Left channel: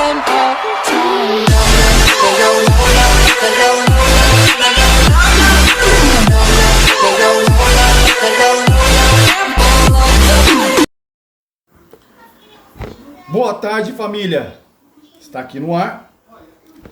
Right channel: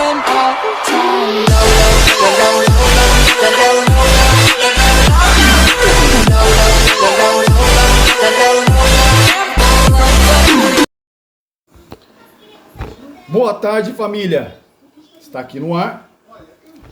and all time. Boa tarde, família. Está aqui no ar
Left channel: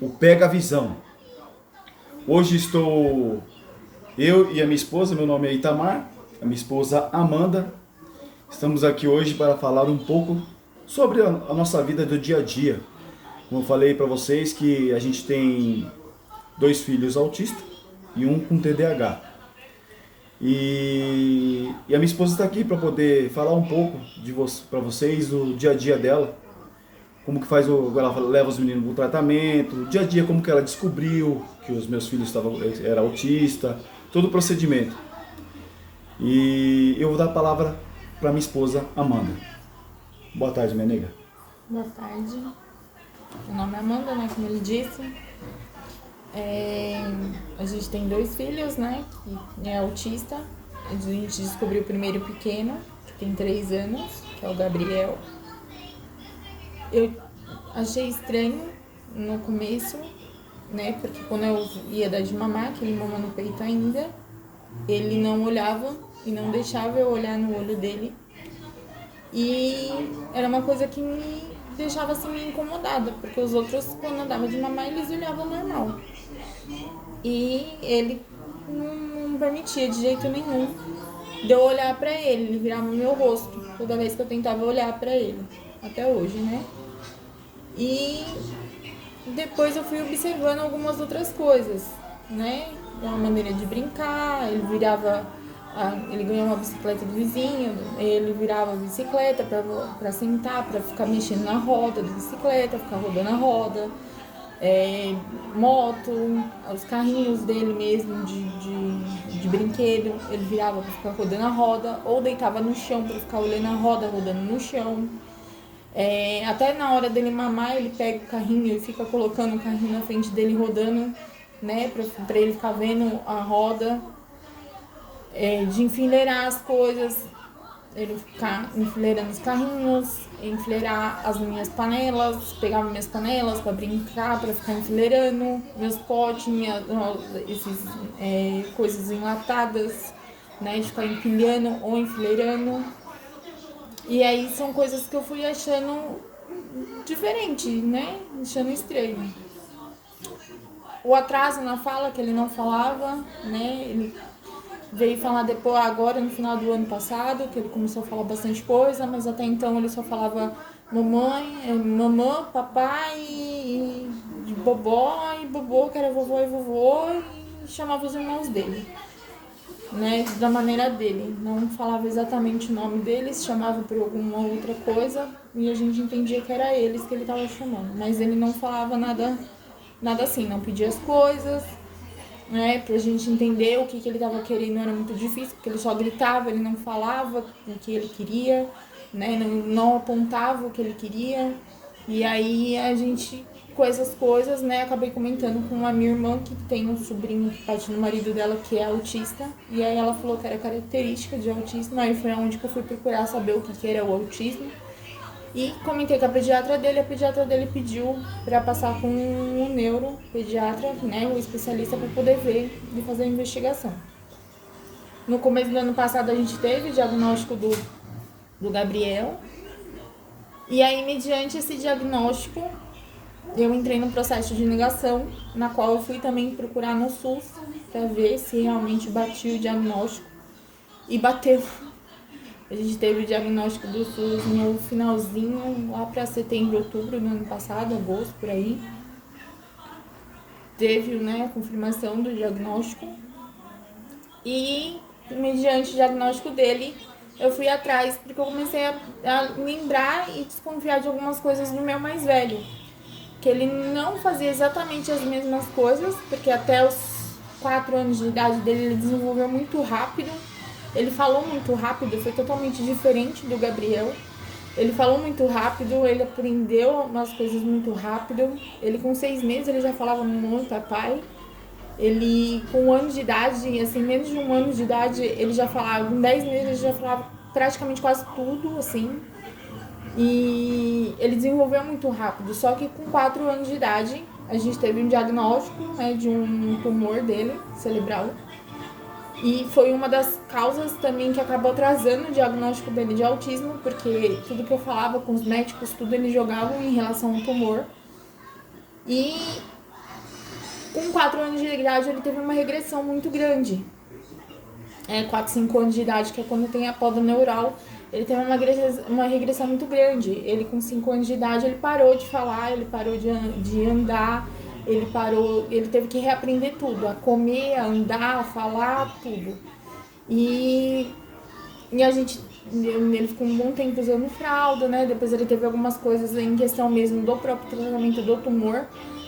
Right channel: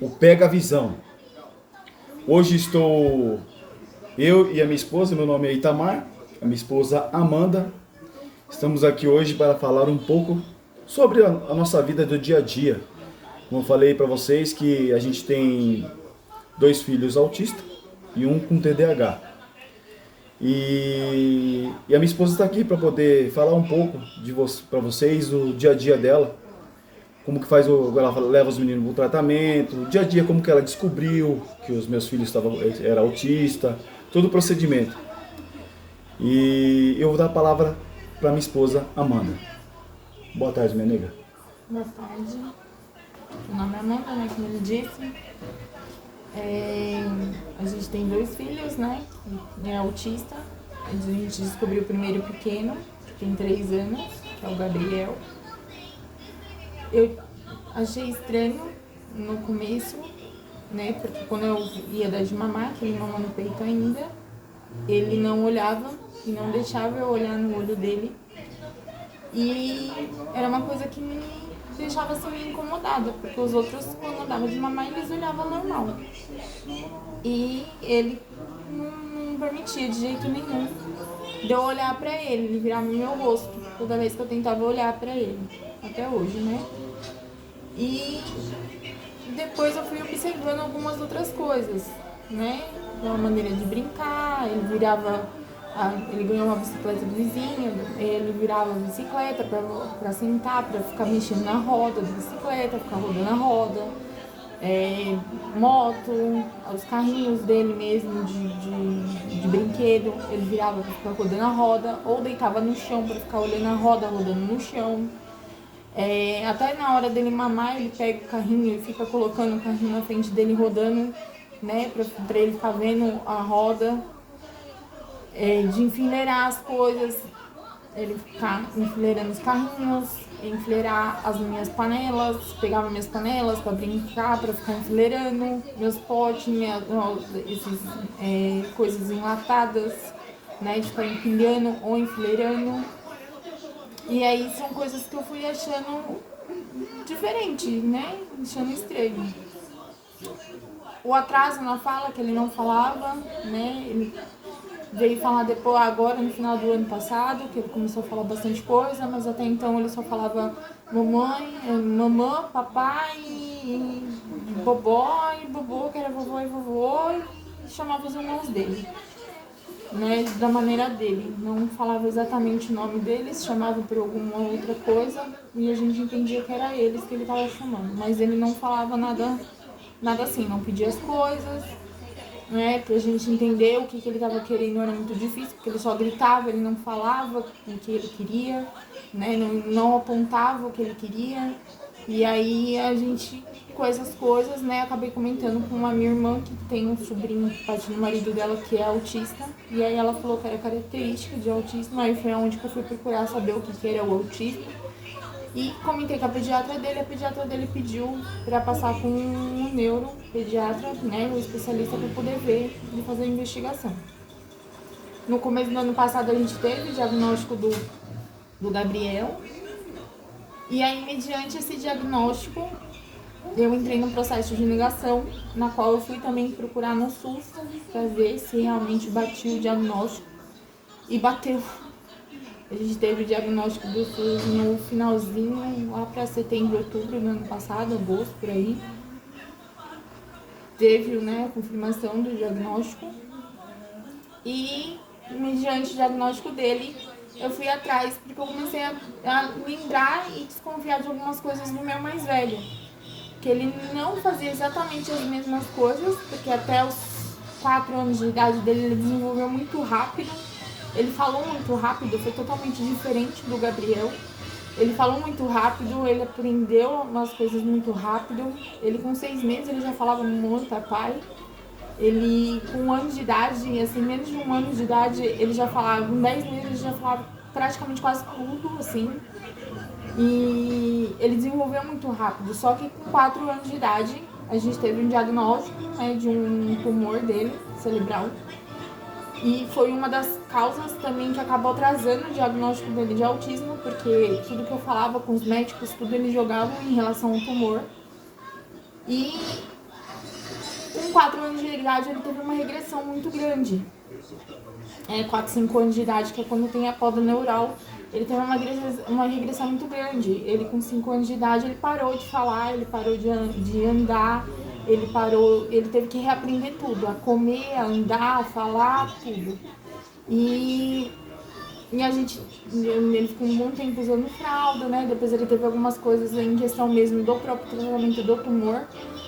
o Pega a Visão. Hoje estou eu e a minha esposa, meu nome é Itamar, a minha esposa Amanda. Estamos aqui hoje para falar um pouco sobre a nossa vida do dia a dia. Como eu falei para vocês que a gente tem 2 filhos autistas e um com TDAH. E a minha esposa está aqui para poder falar um pouco para vocês do dia a dia dela. Como que faz ela leva os meninos para o tratamento, o dia a dia, como que ela descobriu que os meus filhos era autista, todo o procedimento. E eu vou dar a palavra para minha esposa Amanda. Boa tarde, minha nega. Boa tarde. Meu nome é Amanda, né? Como ele disse. A gente tem 2 filhos, né? É autista. A gente descobriu o primeiro pequeno, que tem 3 anos, que é o Gabriel. Eu achei estranho no começo, né? Porque quando eu ia dar de mamar, que ele mama no peito ainda, ele não olhava e não deixava eu olhar no olho dele. E era uma coisa que me deixava assim meio incomodada, porque os outros, quando eu dava de mamar, eles olhavam normal. E ele não permitia de jeito nenhum de eu olhar pra ele, ele virava o meu rosto toda vez que eu tentava olhar pra ele, até hoje, né? E depois eu fui observando algumas outras coisas, né? Uma maneira de brincar, ele ganhou uma bicicleta do vizinho, ele virava a bicicleta pra sentar, pra ficar mexendo na roda da bicicleta, ficar rodando a roda, moto, os carrinhos dele mesmo de brinquedo, ele virava pra ficar rodando a roda, ou deitava no chão pra ficar olhando a roda rodando no chão. Até na hora dele mamar, ele pega o carrinho e fica colocando o carrinho na frente dele rodando, né, pra ele ficar vendo a roda, de enfileirar as coisas, ele ficar enfileirando os carrinhos, enfileirar as minhas panelas, pegava minhas panelas pra brincar, pra ficar enfileirando, meus potes, coisas enlatadas, né, de ficar empilhando ou enfileirando. E aí são coisas que eu fui achando diferente, né? Achando estranho. O atraso na fala, que ele não falava, né? Ele veio falar depois, agora no final do ano passado, que ele começou a falar bastante coisa, mas até então ele só falava mamãe, papai, e bobó, e bobô, que era vovô e vovô, e chamava os irmãos dele, né, da maneira dele, não falava exatamente o nome deles, chamava por alguma outra coisa e a gente entendia que era eles que ele estava chamando, mas ele não falava nada assim, não pedia as coisas, né, pra gente entender o que ele estava querendo era muito difícil, porque ele só gritava, ele não falava o que ele queria, né, não apontava o que ele queria, e aí a gente, com essas coisas, né, acabei comentando com a minha irmã, que tem um sobrinho que bate no marido dela, que é autista, e aí ela falou que era característica de autismo, aí foi onde que eu fui procurar saber o que era o autismo, e comentei com a pediatra dele pediu para passar com o neuropediatra, né, o especialista, para poder ver e fazer a investigação. No começo do ano passado a gente teve o diagnóstico do Gabriel, e aí, mediante esse diagnóstico, eu entrei no processo de negação, na qual eu fui também procurar no SUS para ver se realmente batia o diagnóstico. E bateu. A gente teve o diagnóstico do SUS no finalzinho, lá para setembro, outubro do ano passado, agosto, por aí. Teve, né, a confirmação do diagnóstico. E, mediante o diagnóstico dele, eu fui atrás, porque eu comecei a lembrar e desconfiar de algumas coisas do meu mais velho. Que ele não fazia exatamente as mesmas coisas, porque até os 4 anos de idade dele ele desenvolveu muito rápido. Ele falou muito rápido, foi totalmente diferente do Gabriel. Ele falou muito rápido, ele aprendeu umas coisas muito rápido. Ele com 6 meses ele já falava mamãe, papai. Ele com 1 ano de idade, assim, menos de 1 ano de idade, ele já falava, com 10 meses ele já falava praticamente quase tudo, assim. E ele desenvolveu muito rápido, só que com 4 anos de idade a gente teve um diagnóstico, né, de um tumor dele, cerebral. E foi uma das causas também que acabou atrasando o diagnóstico dele de autismo, porque tudo que eu falava com os médicos, tudo eles jogavam em relação ao tumor. E com 4 anos de idade ele teve uma regressão muito grande. 4, 5 anos de idade, que é quando tem a poda neural, ele teve uma regressão muito grande. Ele com 5 anos de idade, ele parou de falar, ele parou de andar, ele teve que reaprender tudo, a comer, a andar, a falar, tudo. E ele ficou um bom tempo usando fralda, né? Depois ele teve algumas coisas em questão mesmo do próprio tratamento do tumor.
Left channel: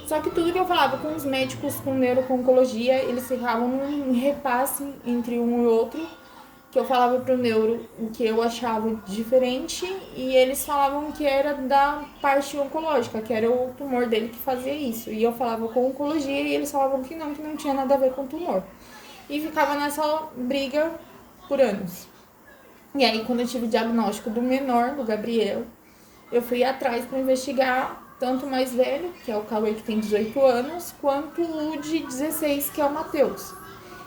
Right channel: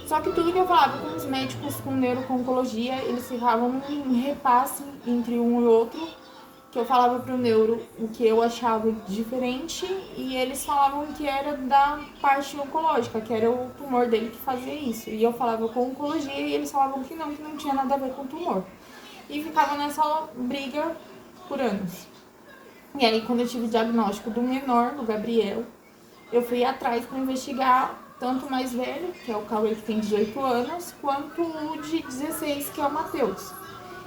Só que tudo que eu falava com os médicos, com neuro-oncologia, eles ficavam num repasse entre um e outro, que eu falava pro neuro o que eu achava diferente e eles falavam que era da parte oncológica, que era o tumor dele que fazia isso. E eu falava com oncologia e eles falavam que não tinha nada a ver com o tumor. E ficava nessa briga por anos. E aí, quando eu tive o diagnóstico do menor, do Gabriel, eu fui atrás para investigar tanto o mais velho, que é o Cauê, que tem 18 anos, quanto o de 16, que é o Matheus.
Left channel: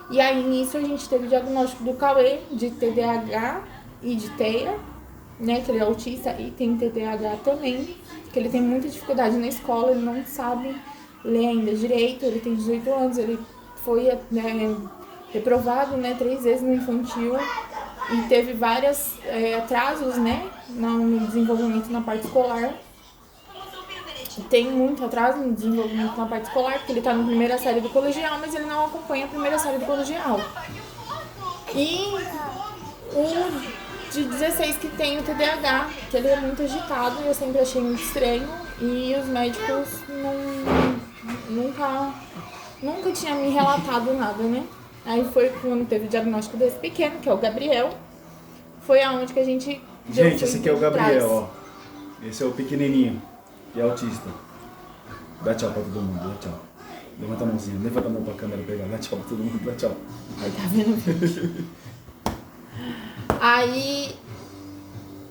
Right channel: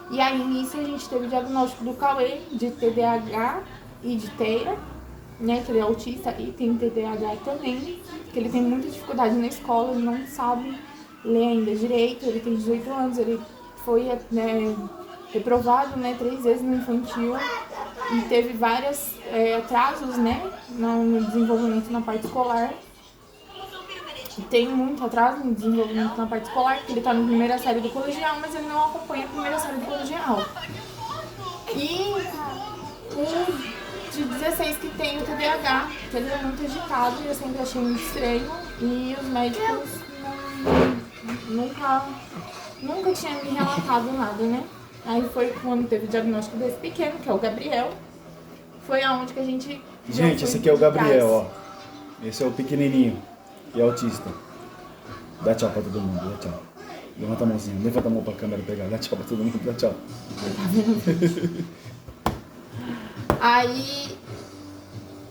E aí, nisso, a gente teve o diagnóstico do Cauê de TDAH e de TEA, né, que ele é autista e tem TDAH também, que ele tem muita dificuldade na escola, ele não sabe ler ainda direito, ele tem 18 anos, ele foi, né, reprovado, né, 3 vezes no infantil e teve vários atrasos, né, no desenvolvimento na parte escolar. Tem muito atraso no desenvolvimento na parte escolar, porque ele tá na primeira série do colegial, mas ele não acompanha a primeira série do colegial. E o de 16 que tem o TDAH, que ele é muito agitado e eu sempre achei muito estranho. E os médicos nunca tinham me relatado nada, né? Aí foi quando teve o diagnóstico desse pequeno, que é o Gabriel. Foi aonde que a gente... Gente, esse aqui é o Gabriel, ó. Esse é o pequenininho e autista. Dá tchau pra todo mundo, dá tchau. Levanta a mãozinha, levanta a mão pra câmera pegar. Dá tchau pra todo mundo, dá tchau. Aí tá vendo? Aí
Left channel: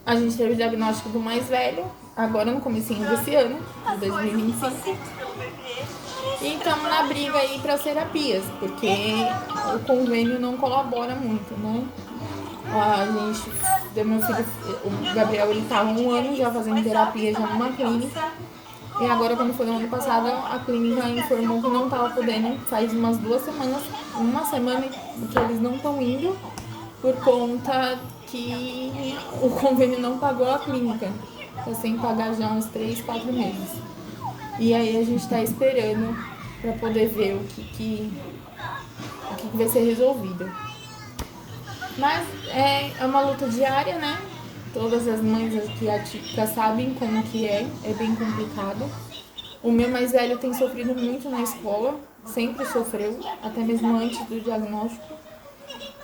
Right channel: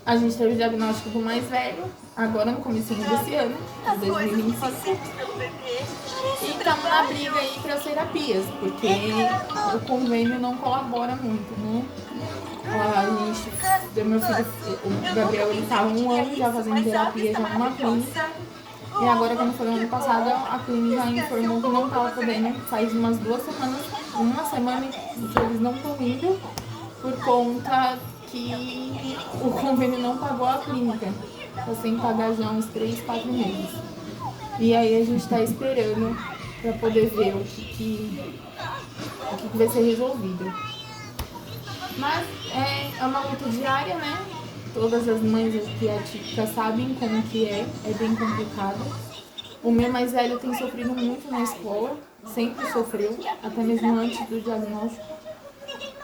a gente teve o diagnóstico do mais velho, agora no comecinho desse ano, de 2025. E estamos na briga aí para as terapias, porque o convênio não colabora muito, né? A gente deu meu filho, o Gabriel, ele tá há 1 ano já fazendo terapia já numa clínica. E agora, quando foi no ano passado, a clínica informou que não estava podendo, faz umas 2 semanas, uma semana que eles não estão indo, por conta que o convênio não pagou a clínica. Está sem pagar já uns 3, 4 meses. E aí a gente está esperando para poder ver o que vai ser resolvido. Mas é uma luta diária, né? Todas as mães aqui atípicas sabem como que é bem complicado. O meu mais velho tem sofrido muito na escola, sempre sofreu, até mesmo antes do diagnóstico.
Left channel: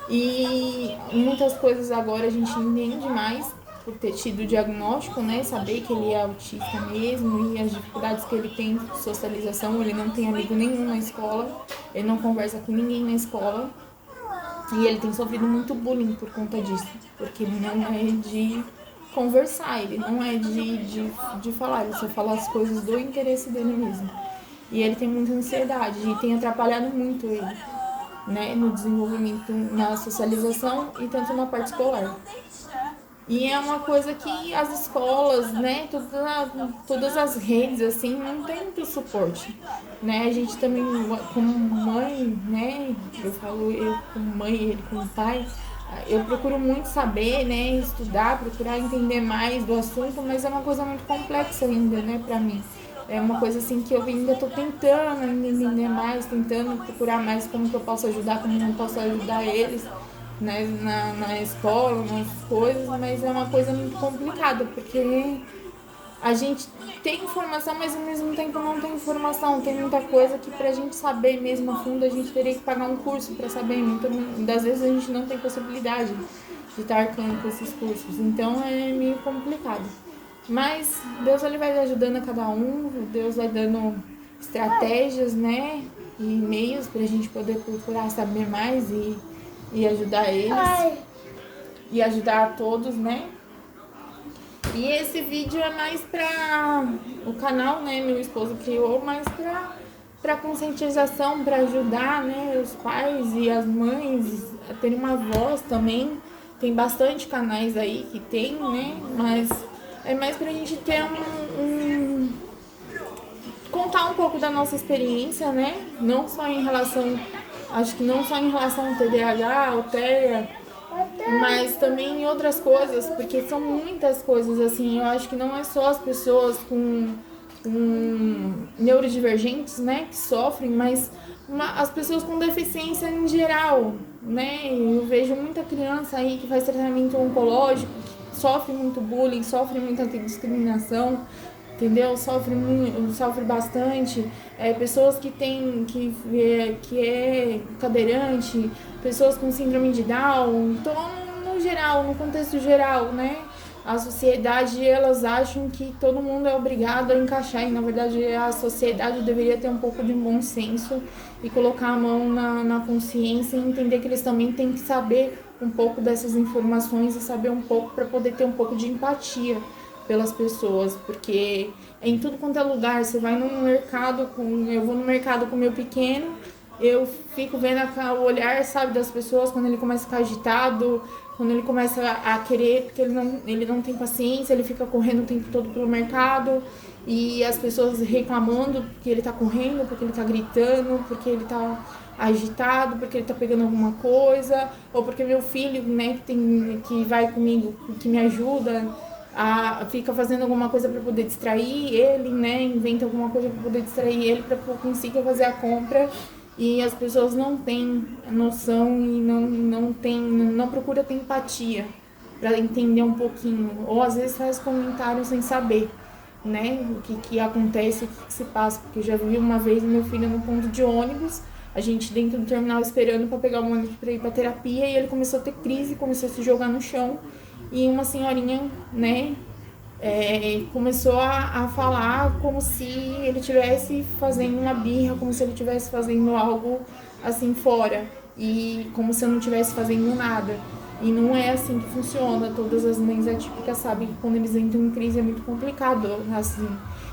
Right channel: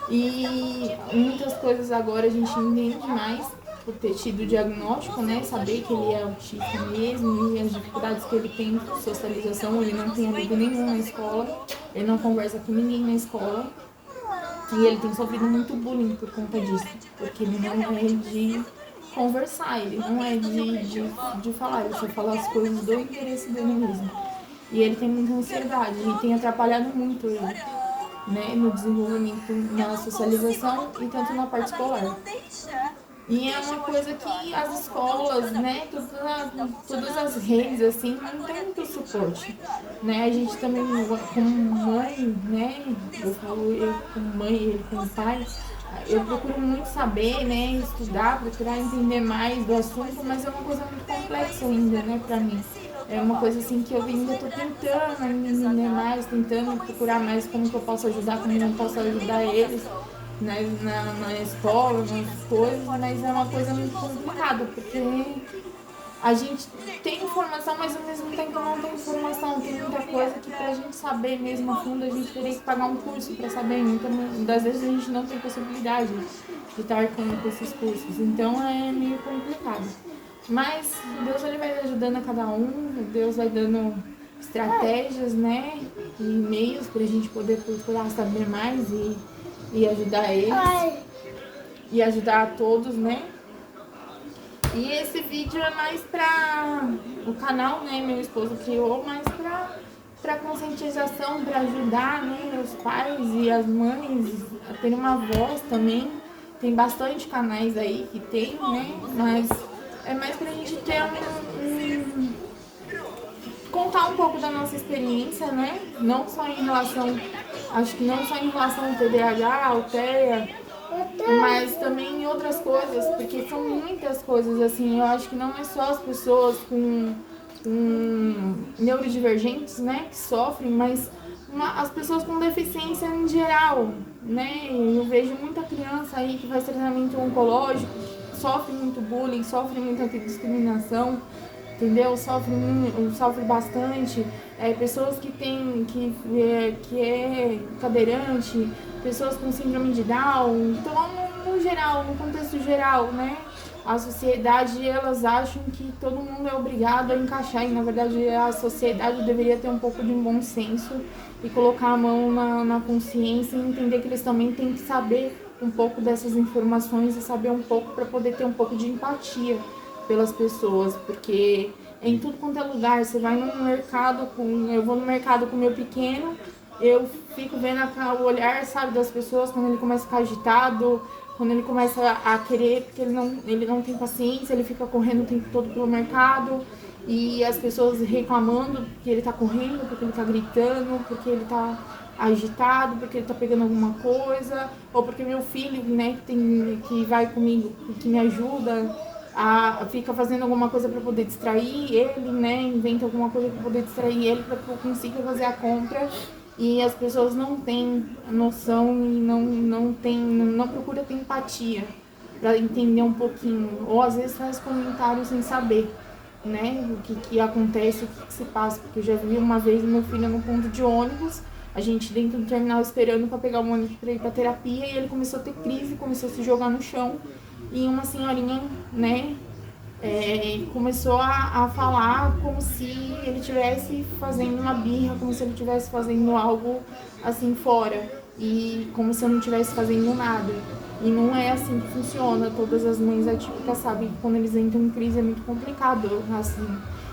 E muitas coisas agora a gente entende mais por ter tido o diagnóstico, né? Saber que ele é autista mesmo e as dificuldades que ele tem de socialização. Ele não tem amigo nenhum na escola, ele não conversa com ninguém na escola. E ele tem sofrido muito bullying por conta disso, porque ele não é de conversar, ele não é de falar, ele só fala as coisas do interesse dele mesmo. E ele tem muita ansiedade e tem atrapalhado muito ele, né, no desenvolvimento, na socialização e tanto na parte escolar. E é uma coisa que as escolas, né, todas as redes, assim, não tem muito suporte, né? A gente também, como mãe, né, eu como mãe, ele como pai, eu procuro muito saber, né, estudar, procurar entender mais do assunto, mas é uma coisa muito complexa ainda, né, pra mim. É uma coisa assim que eu ainda estou tentando entender mais, tentando procurar mais como que eu posso ajudar, como eu posso ajudar eles, né, na escola, nas coisas, mas é uma coisa muito complicada, porque a gente tem informação, mas ao mesmo tempo não tem informação. Tem muita coisa que pra gente saber mesmo a fundo, a gente teria que pagar um curso pra saber. Muitas das vezes a gente não tem possibilidade de estar arcando com esses cursos, então é meio complicado. Mas Deus, ele vai ajudando a cada um, Deus vai dando estratégias, né, e meios pra gente poder procurar saber mais e ajudar eles e ajudar a todos, né? E esse vídeo é mais pra o canal, né, meu esposo criou, mais pra conscientização, pra ajudar, né, os pais e as mães a terem uma voz também. Tem bastante canais aí que tem, né, mas é mais pra gente ter contar um pouco da nossa experiência, né, não só em relação, acho que não só em relação ao TDAH, ao TEA, mas também em outras coisas, porque são muitas coisas, assim, eu acho que não é só as pessoas com neurodivergentes, né, que sofrem, mas as pessoas com deficiência em geral, né, eu vejo muita criança aí que faz tratamento oncológico, que sofre muito bullying, sofre muita discriminação, entendeu? Sofre bastante. Pessoas que têm, que é cadeirante, pessoas com síndrome de Down. Então, no geral, no contexto geral, né? A sociedade, elas acham que todo mundo é obrigado a encaixar, e na verdade a sociedade deveria ter um pouco de bom senso e colocar a mão na consciência e entender que eles também têm que saber um pouco dessas informações e saber um pouco para poder ter um pouco de empatia pelas pessoas, porque em tudo quanto é lugar, você vai no mercado, eu vou no mercado com o meu pequeno, eu fico vendo o olhar, sabe, das pessoas quando ele começa a ficar agitado, quando ele começa a querer, porque ele não tem paciência, ele fica correndo o tempo todo pelo mercado, e as pessoas reclamando porque ele tá correndo, porque ele tá gritando, porque ele tá agitado, porque ele tá pegando alguma coisa, ou porque meu filho, né, que vai comigo, que me ajuda, fica fazendo alguma coisa para poder distrair ele, né? Inventa alguma coisa para poder distrair ele para que eu consiga fazer a compra. E as pessoas não têm noção e não procura ter empatia para entender um pouquinho. Ou às vezes faz comentários sem saber, né? O que acontece, o que se passa. Porque eu já vi uma vez meu filho no ponto de ônibus, a gente dentro do terminal esperando para pegar o ônibus para ir para terapia, e ele começou a ter crise, começou a se jogar no chão. E uma senhorinha, né, começou a falar como se ele estivesse fazendo uma birra, como se ele estivesse fazendo algo assim fora, e como se eu não estivesse fazendo nada. E não é assim que funciona. Todas as mães atípicas sabem que quando eles entram em crise é muito complicado, assim.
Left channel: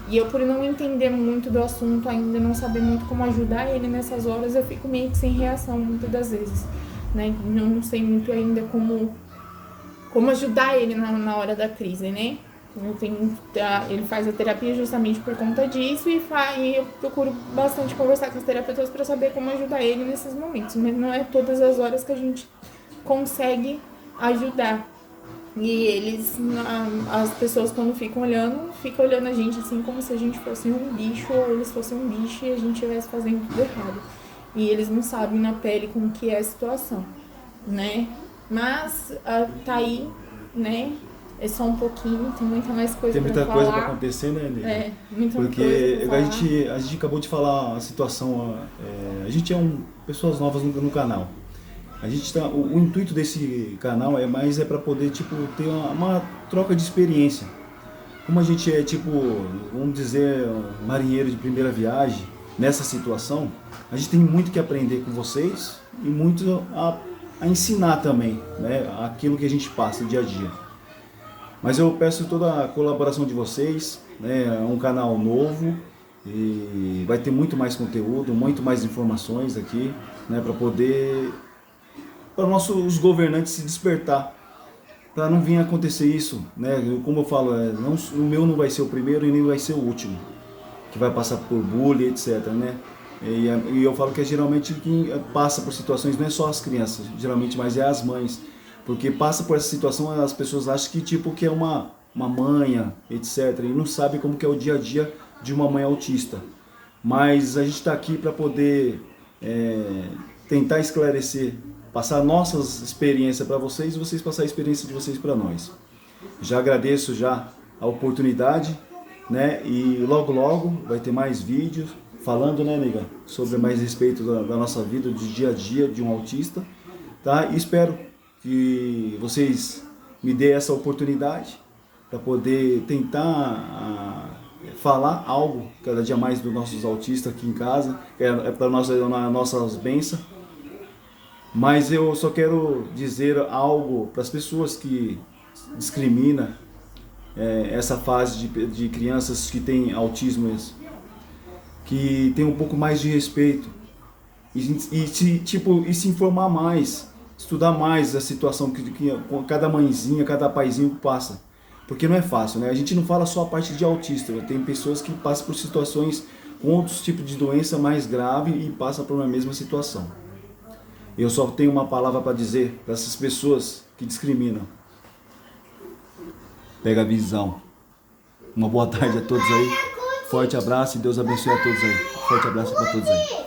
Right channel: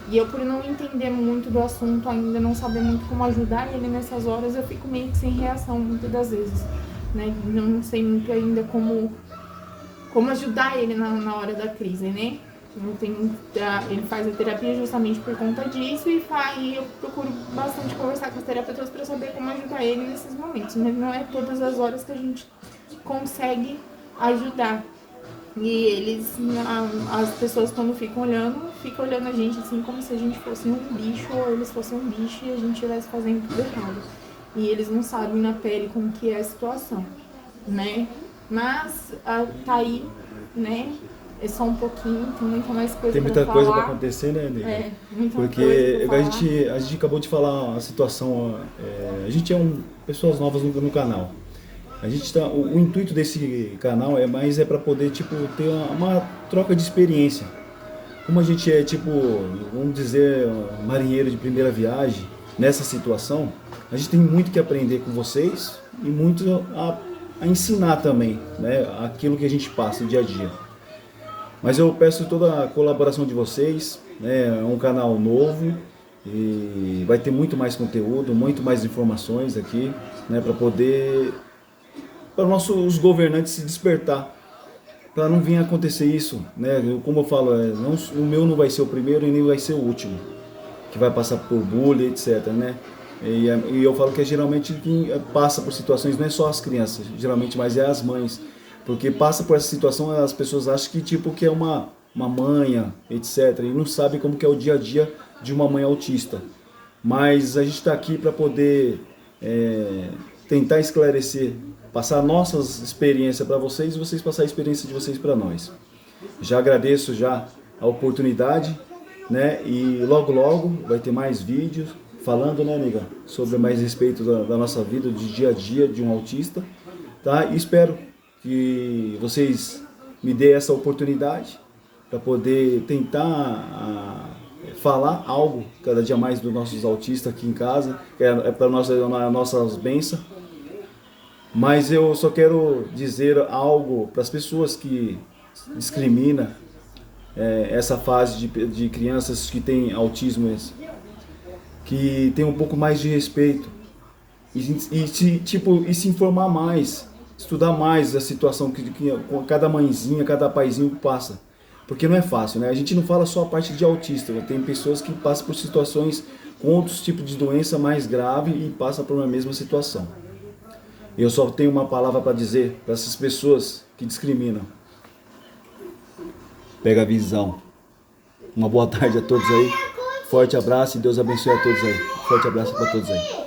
E eu, por não entender muito do assunto ainda, não saber muito como ajudar ele nessas horas, eu fico meio que sem reação muitas das vezes, né? Não sei muito ainda como ajudar ele na hora da crise, né? Ele faz a terapia justamente por conta disso, e eu procuro bastante conversar com os terapeutas para saber como ajudar ele nesses momentos, mas não é todas as horas que a gente consegue ajudar. E as pessoas quando ficam olhando a gente assim como se a gente fosse um bicho, ou eles fossem um bicho e a gente estivesse fazendo tudo errado. E eles não sabem na pele como que é a situação, né? Mas tá aí, né? É só um pouquinho, tem muita mais coisa. Tem muita pra coisa falar. para acontecer, né, Nega? Muita Porque coisa a gente acabou de falar a situação. A gente pessoas novas no canal. A gente o intuito desse canal é para poder tipo ter uma troca de experiência. Como a gente é tipo, vamos dizer, marinheiro de primeira viagem nessa situação, a gente tem muito que aprender com vocês e muito a ensinar também, né, aquilo que a gente passa dia a dia. Mas eu peço toda a colaboração de vocês, né? É um canal novo e vai ter muito mais conteúdo, muito mais informações aqui, né? Para os governantes se despertar, para não vir acontecer isso, né? Como eu falo, o meu não vai ser o primeiro e nem vai ser o último que vai passar por bullying, etc, né? E eu falo que geralmente quem passa por situações não é só as crianças, geralmente, mas é as mães. Porque passa por essa situação, as pessoas acham que tipo que é uma manha, etc. E não sabem como que é o dia a dia de uma mãe autista. Mas a gente está aqui para poder tentar esclarecer, passar nossas experiências para vocês e vocês passar a experiência de vocês para nós. Já agradeço já a oportunidade, né? E logo vai ter mais vídeos falando, né, nega, sobre mais respeito da nossa vida, do dia a dia de um autista, tá? E espero que vocês me dêem essa oportunidade para poder tentar falar algo cada dia mais dos nossos autistas aqui em casa, que é para nossas bênçãos. Mas eu só quero dizer algo para as pessoas que discriminam essa fase de crianças que têm autismo, que tem um pouco mais de respeito e se informar mais, estudar mais a situação que cada mãezinha, cada paizinho passa. Porque não é fácil, né? A gente não fala só a parte de autista, tem pessoas que passam por situações com outros tipos de doença mais grave e passam por uma mesma situação. Eu só tenho uma palavra para dizer para essas pessoas que discriminam. Pega a visão. Uma boa tarde a todos aí. Forte abraço e Deus abençoe a todos aí. Forte abraço para todos aí.